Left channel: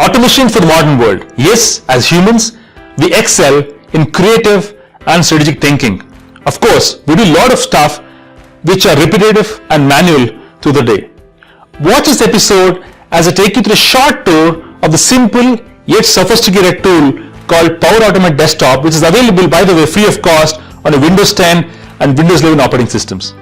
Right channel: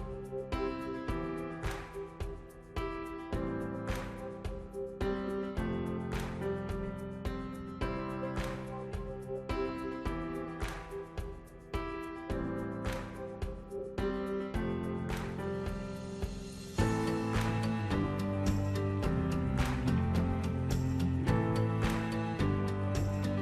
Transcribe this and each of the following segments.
Automation for the modern world. Yes, as humans, we excel in creative and strategic thinking. Of course, we do a lot of stuff which are repetitive and manual through the day. Watch this episode as I take you through a short tour of the simple yet sophisticated tool called Power Automate Desktop, which is available, by the way, free of cost on a Windows 10 and Windows 11 operating systems.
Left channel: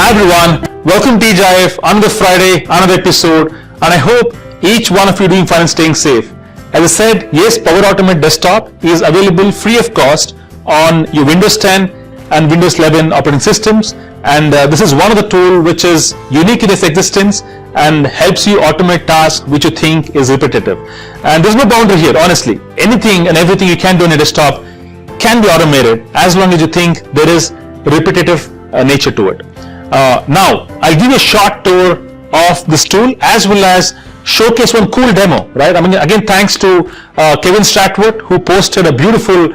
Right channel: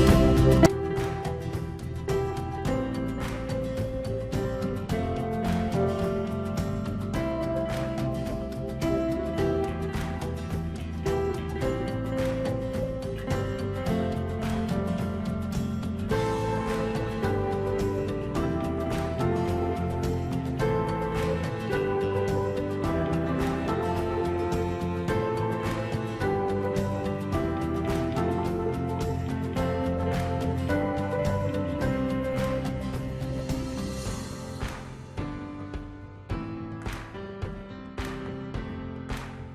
Hi everyone, welcome to TGIF, another Friday, another episode, and I hope each one of you doing fine and staying safe. As I said, yes, Power Automate Desktop is available free of cost on your Windows 10 and Windows 11 operating systems, and this is one of the tools which is unique in its existence and helps you automate tasks which you think is repetitive. And there's no boundary here, honestly. Anything and everything you can do on your desktop can be automated as long as you think there is repetitive nature to it. Now, I'll give you a short tour of this tool as well as showcase one cool demo, right? I mean, again, thanks to Kevin Stratwood, who posted a beautiful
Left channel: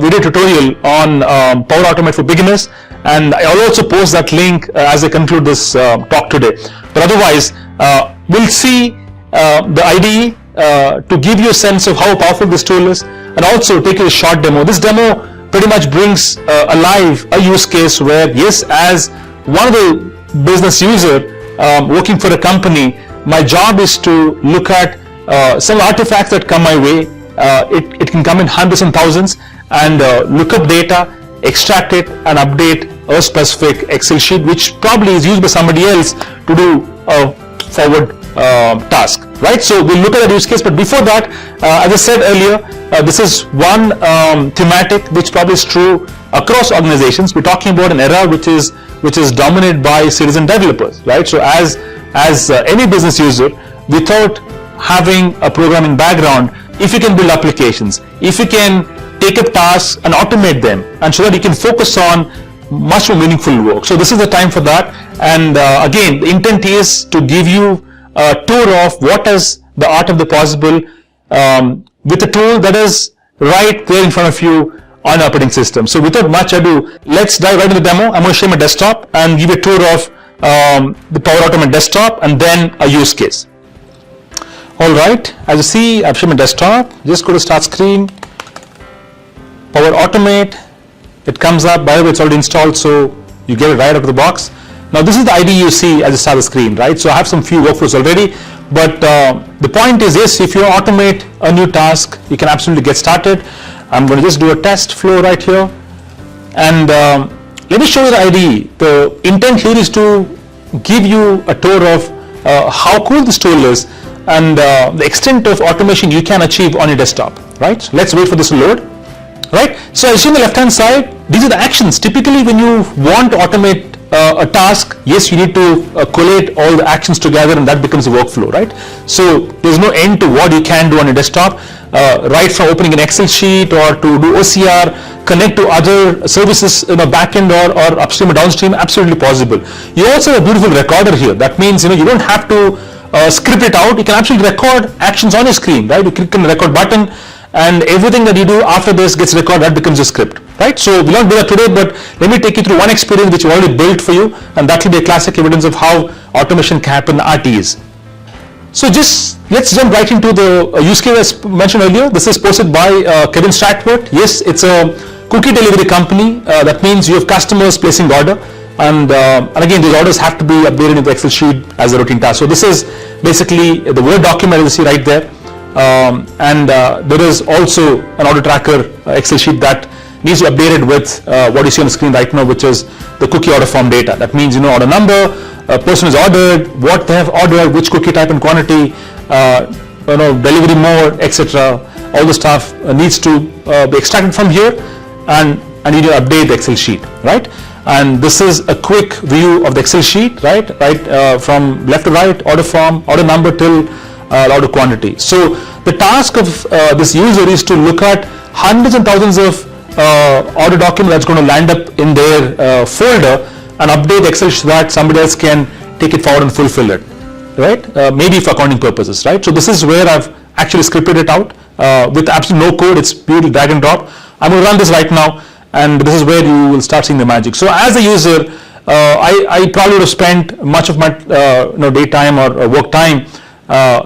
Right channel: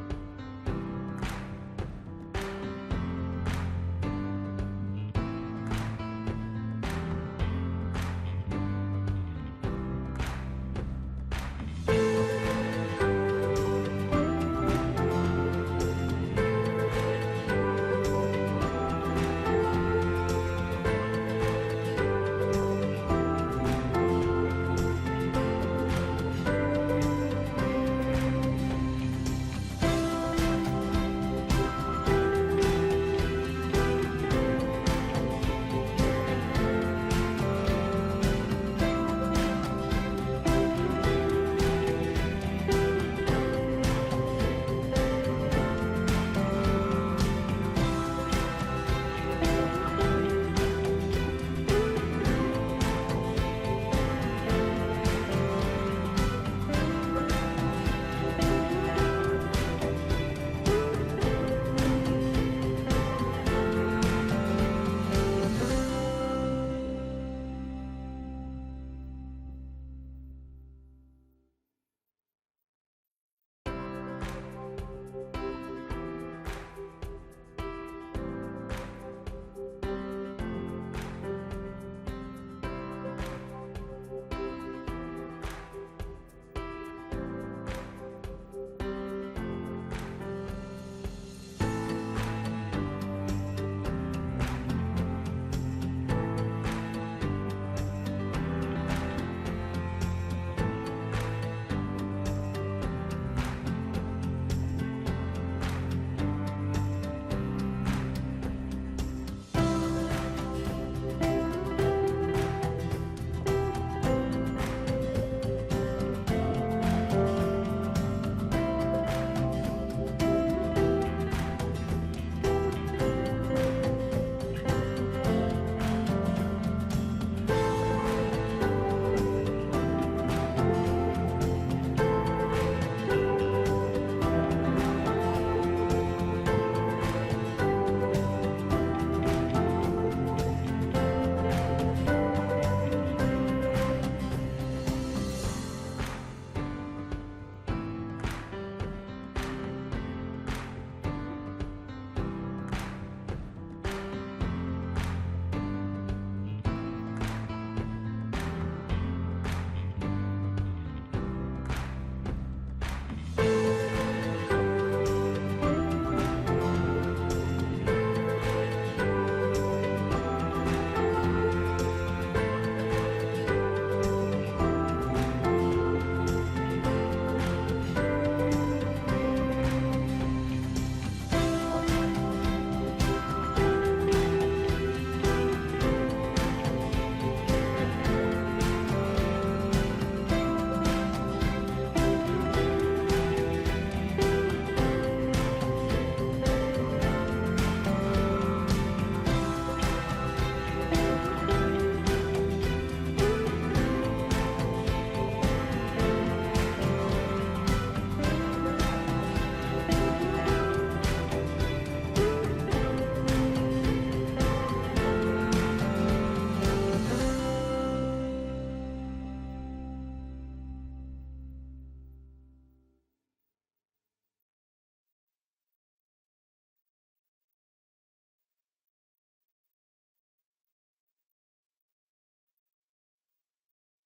video tutorial on Power Automate for beginners, and I'll also post that link as I conclude this talk today. But otherwise, we'll see the IDE to give you a sense of how powerful this tool is, and also take you a short demo. This demo pretty much brings alive a use case where, yes, as one of the business user working for a company, my job is to look at some artifacts that come my way. It can come in hundreds and thousands, and look up data, extract it, and update a specific Excel sheet, which probably is used by somebody else to do a forward task, right? So we'll look at that use case, but before that, as I said earlier, this is one thematic which probably is true across organizations. We're talking about an era which is dominated by citizen developers, right? So as any business user, without having a programming background, if you can build applications, if you can take up tasks and automate them, and so that you can focus on much more meaningful work. So this is the time for that. And again, the intent is to give you a tour of what is the art of the possible with a tool that is right there in front of you on operating system. So without much ado, let's dive right into the demo. I'm going to share my desktop and give you a tour of the Power Automate Desktop and then a use case. All right, as you see, I've shared my desktop. Just go to Start Screen, Power Automate. It comes up. By the way, it's already installed, so you get it right out of the box. Now, this is the IDE you see as you start the screen, right? So I have some few workflows already, but the point is, yes, if you automate a new task, you can absolutely get started. I'm going to just do a test flow right here, and let me show you the IDE. The intent here is to give you a tour of how cool this tool is and the extent of automation you can achieve on your desktop, right? So let's wait for this to load, right? So as you see on the left hand side, these are the actions. Typically when you want to automate a task, yes, you need to collate all the actions together, and that becomes a workflow, right? So there's no end to what you can do on your desktop, right from opening an Excel sheet or to do OCR, connect to other services in a backend or upstream or downstream, absolutely possible. You also have a beautiful recorder here. That means you don't have to script it out. You can actually record actions on your screen, right? You click on the record button, and everything that you do after this gets recorded. That becomes a script, right? So we'll not do that today, but let me take you through one experience which we already built for you, and that will be a classic evidence of how automation can happen in RTs. So just let's jump right into the use case as mentioned earlier. This is posted by Kevin Stratwood. Yes, it's a cookie delivery company. That means you have customers placing order, and again, these orders have to be updated in the Excel sheet as a routine task. So this is basically the Word document you see right there. And there is also an order tracker Excel sheet that needs to be updated with what you see on the screen right now, which is the cookie order form data. That means order number, person is ordered, what they have ordered, which cookie type and quantity, delivery mode, etc. All the stuff needs to be extracted from here, and you need to update the Excel sheet, right? And this is a quick view of the Excel sheet, right? From left to right, order form, order number till order quantity. So the task of this user is to look at hundreds and thousands of order document that's going to land up in their folder and update the Excel so that somebody else can take it forward and fulfill it, right? Maybe for accounting purposes, right? So this is where I've actually scripted it out with absolutely no code. It's purely drag and drop. I'm going to run this right now, and this is where you will start seeing the magic. So as a user, I probably would have spent much of my daytime or work time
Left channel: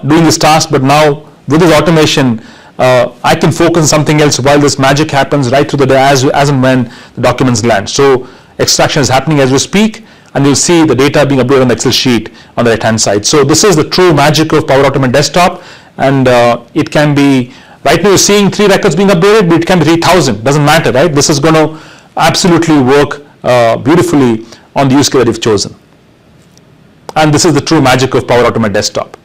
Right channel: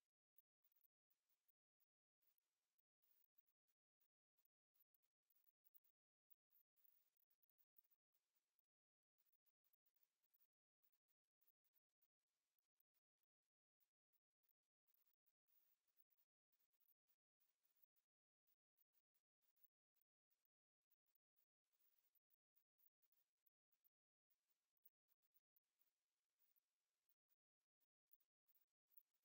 doing this task, but now with this automation, I can focus on something else while this magic happens right through the day as and when the documents land. So extraction is happening as we speak, and you'll see the data being uploaded on the Excel sheet on the right hand side. So this is the true magic of Power Automate Desktop, and it can be, right now you're seeing 3 records being updated, but it can be 3,000, doesn't matter, right? This is going to absolutely work beautifully on the use case that you've chosen. And this is the true magic of Power Automate Desktop.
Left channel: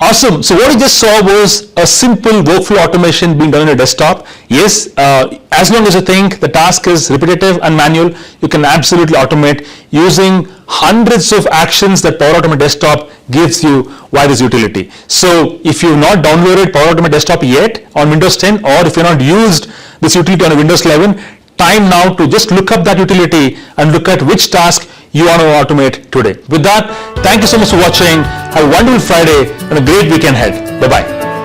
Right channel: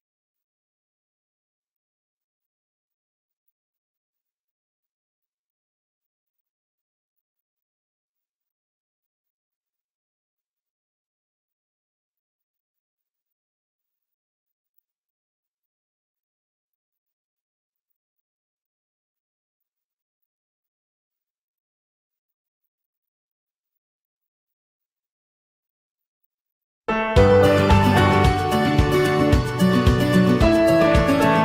Awesome. So what you just saw was a simple workflow automation being done on your desktop. Yes, as long as you think the task is repetitive and manual, you can absolutely automate using hundreds of actions that Power Automate Desktop gives you via this utility. So if you've not downloaded Power Automate Desktop yet on Windows 10, or if you've not used this utility on a Windows 11, time now to just look up that utility and look at which task you want to automate today. With that, thank you so much for watching. Have a wonderful Friday and a great weekend ahead. Bye-bye.